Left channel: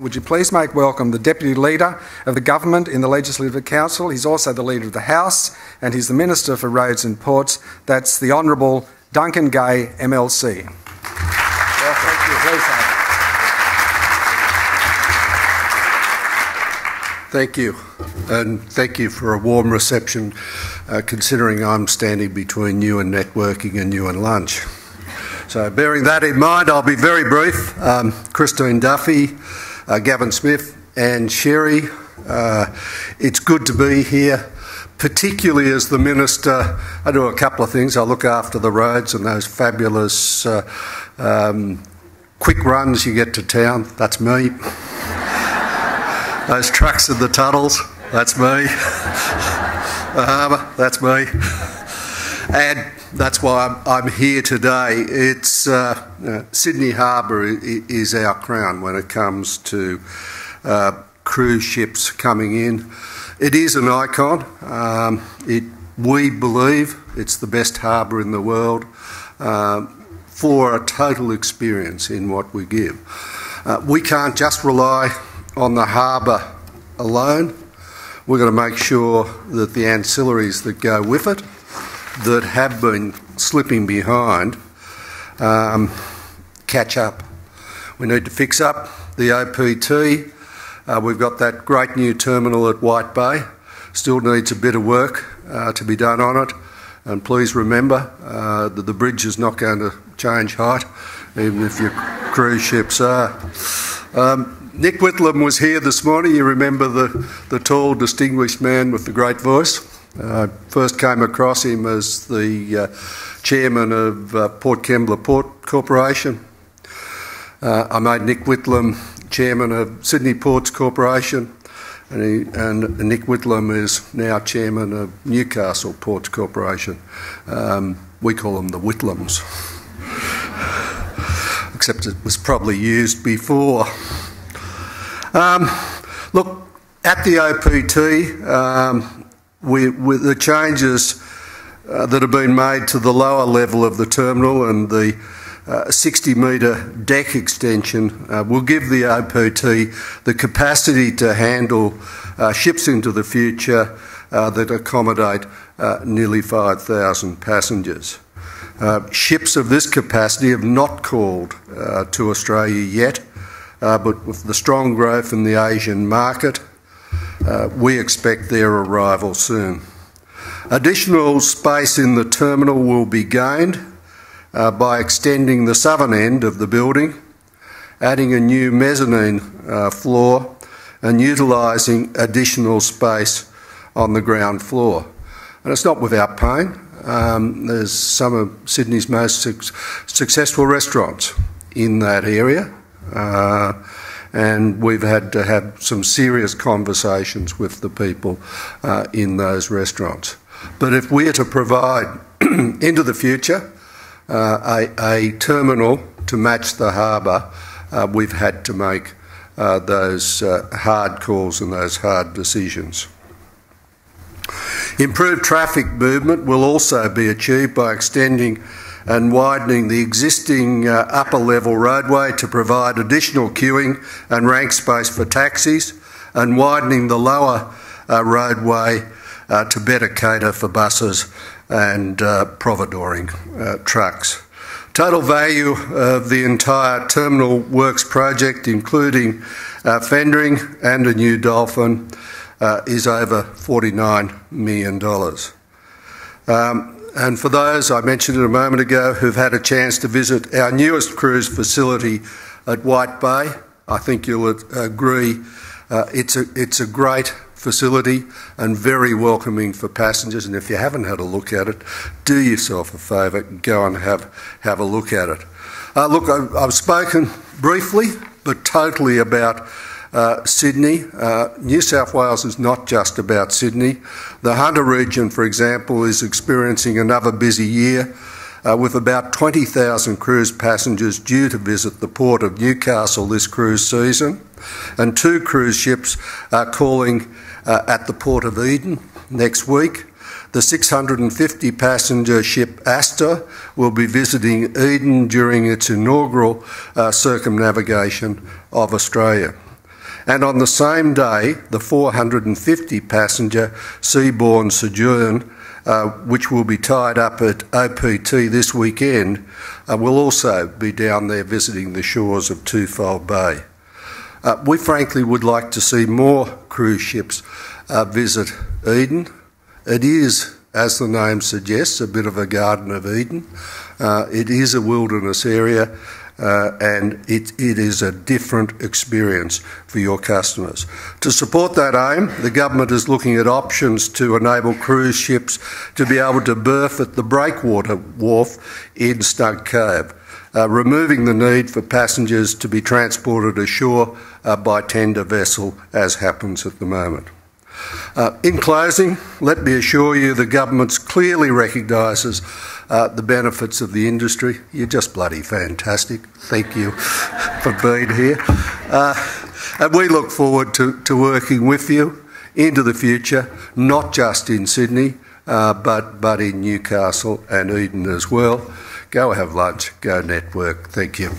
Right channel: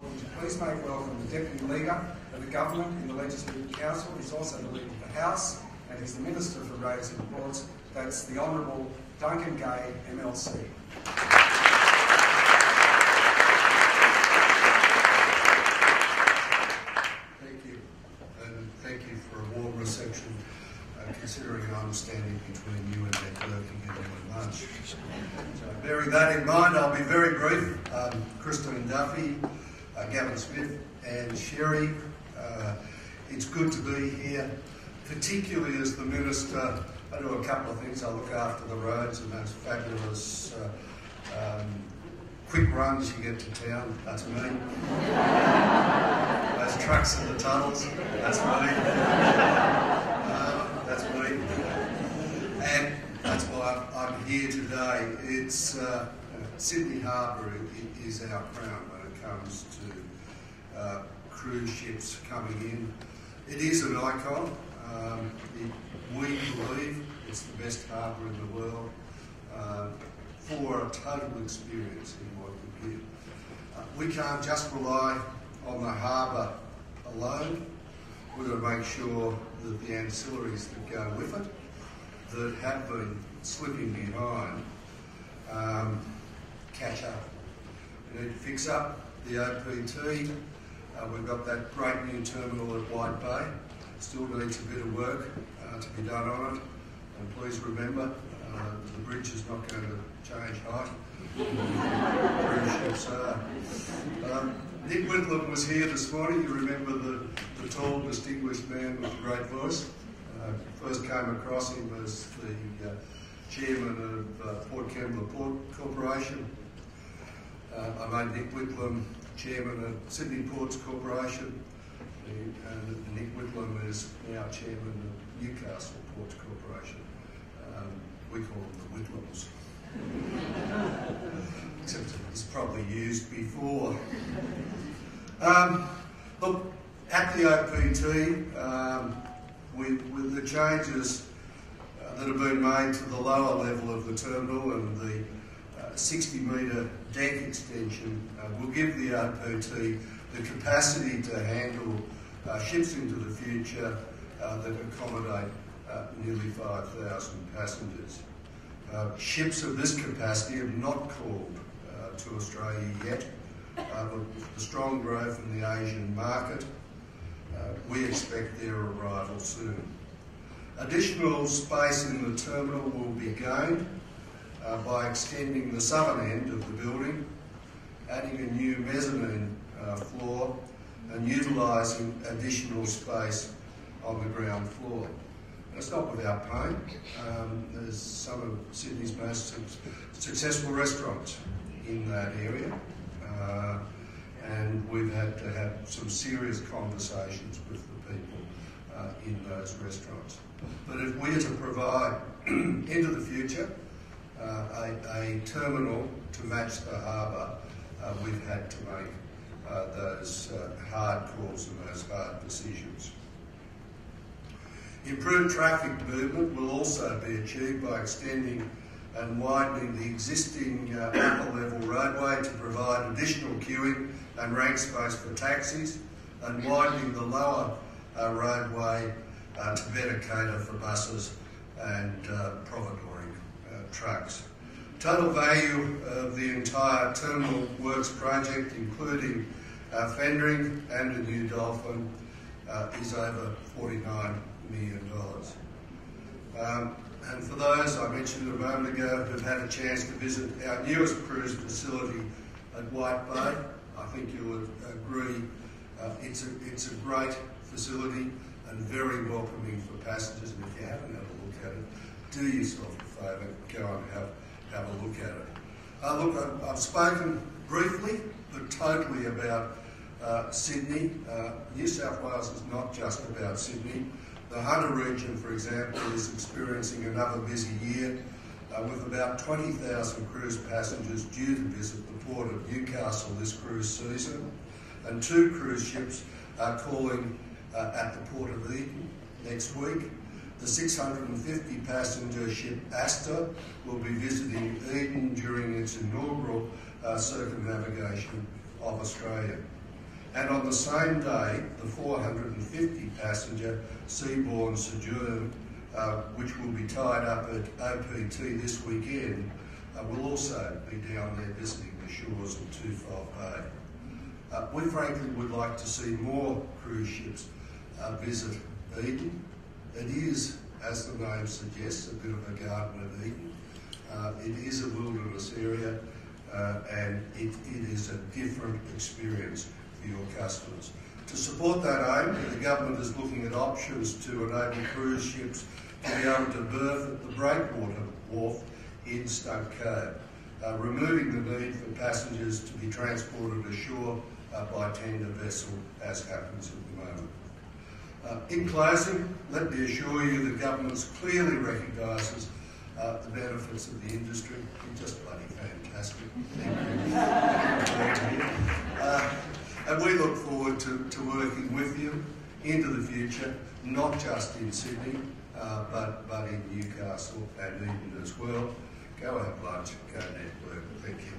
Would you please make welcome the Deputy Leader of the Government in the Legislative Council. He's also the Leader of the House and he's the Minister for Roads and Ports. That's the Honourable Duncan Gay, MLC. Thank you, and thank you for a warm reception, considering I'm standing between you and networking and you and lunch. So bearing that in mind, I'll be very brief. Christine Duffy, Gavin Smith and Sherry, it's good to be here, particularly as the Minister. I do a couple of things. I look after the roads and those fabulous quick runs you get to town. That's me. Those trucks in the tunnels, that's me. That's me. And that's why I'm here today. It's Sydney Harbour is our crown when it comes to cruise ships coming in. It is an icon. We believe it's the best harbour in the world for a total experience in what we give. We can't just rely on the harbour alone. We're going to make sure that the ancillaries that go with it, that have been slipping behind, catch up. We need to fix up the OPT. We've got that great new terminal at White Bay. Still needs a bit of work to be done on it. And please remember that the bridge is not going to change height, even if your cruise ships are. Nick Whitlam was here this morning. You remember the tall, distinguished man with the great voice. First came across him as the chairman of Port Kembla Port Corporation. I made Nick Whitlam chairman of Sydney Ports Corporation, and Nick Whitlam is now chairman of Newcastle Ports Corporation. We call them the Whitlams, except it was probably used before. Look, at the OPT, with the changes that have been made to the lower level of the terminal and the 60-metre deck extension will give the OPT the capacity to handle ships into the future that accommodate nearly 5,000 passengers. Ships of this capacity have not called to Australia yet, but with the strong growth in the Asian market, we expect their arrival soon. Additional space in the terminal will be gained by extending the southern end of the building, adding a new mezzanine floor and utilising additional space on the ground floor. And it's not without pain. There's some of Sydney's most successful restaurants in that area. And we've had to have some serious conversations with the people in those restaurants. But if we're to provide into the future a terminal to match the harbour, we've had to make those hard calls and those hard decisions. Improved traffic movement will also be achieved by extending and widening the existing upper level roadway to provide additional queuing and rank space for taxis, and widening the lower roadway to better cater for buses and providoring trucks. Total value of the entire terminal works project, including fendering and a new dolphin, is over $49 million. And for those I mentioned a moment ago who've had a chance to visit our newest cruise facility at White Bay, I think you'll agree it's a great facility and very welcoming for passengers. And if you haven't had a look at it, do yourself a favour, go and have a look at it. Look, I've spoken briefly but totally about Sydney. New South Wales is not just about Sydney. The Hunter region, for example, is experiencing another busy year with about 20,000 cruise passengers due to visit the port of Newcastle this cruise season, and 2 cruise ships are calling at the Port of Eden next week. The 650 passenger ship Astor will be visiting Eden during its inaugural circumnavigation of Australia. And on the same day, the 450 passenger seaborne sojourn, which will be tied up at OPT this weekend, will also be down there visiting the shores of Twofold Bay. We frankly would like to see more cruise ships visit Eden. It is, as the name suggests, a bit of a Garden of Eden. It is a wilderness area, and it is a different experience for your customers. To support that aim, the government is looking at options to enable cruise ships to be able to berth at the breakwater wharf in Stunk Cove, removing the need for passengers to be transported ashore by tender vessel, as happens at the moment. In closing, let me assure you the government clearly recognises the benefits of the industry. You're just bloody fantastic. Thank you for being here. And we look forward to working with you into the future, not just in Sydney, but in Newcastle and Eden as well. Go have lunch, go network. Thank you.